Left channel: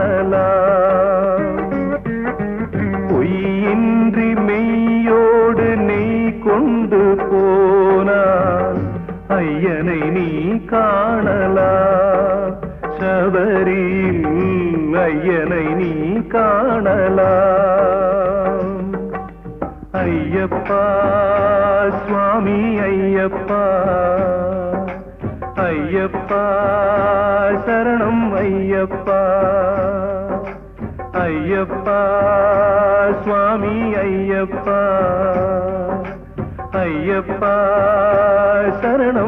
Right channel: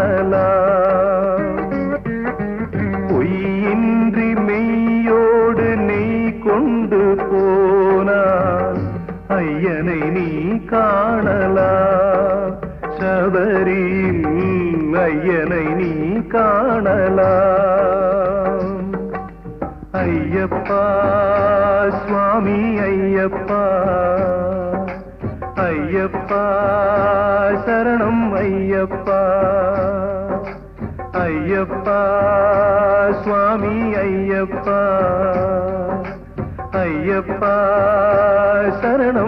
காணலாம். பொய்யின்றி மெய்யோடு நீ கொண்டு போனாய் ஐயனை நீ காணலாம். சபரியில் ஐயனை நீ காணலாம். ஐயப்பா சுவாமி ஐயப்பா, ஐயப்பா சரணம் ஐயப்பா, ஐயப்பா சுவாமி ஐயப்பா, ஐயப்பா சரணம்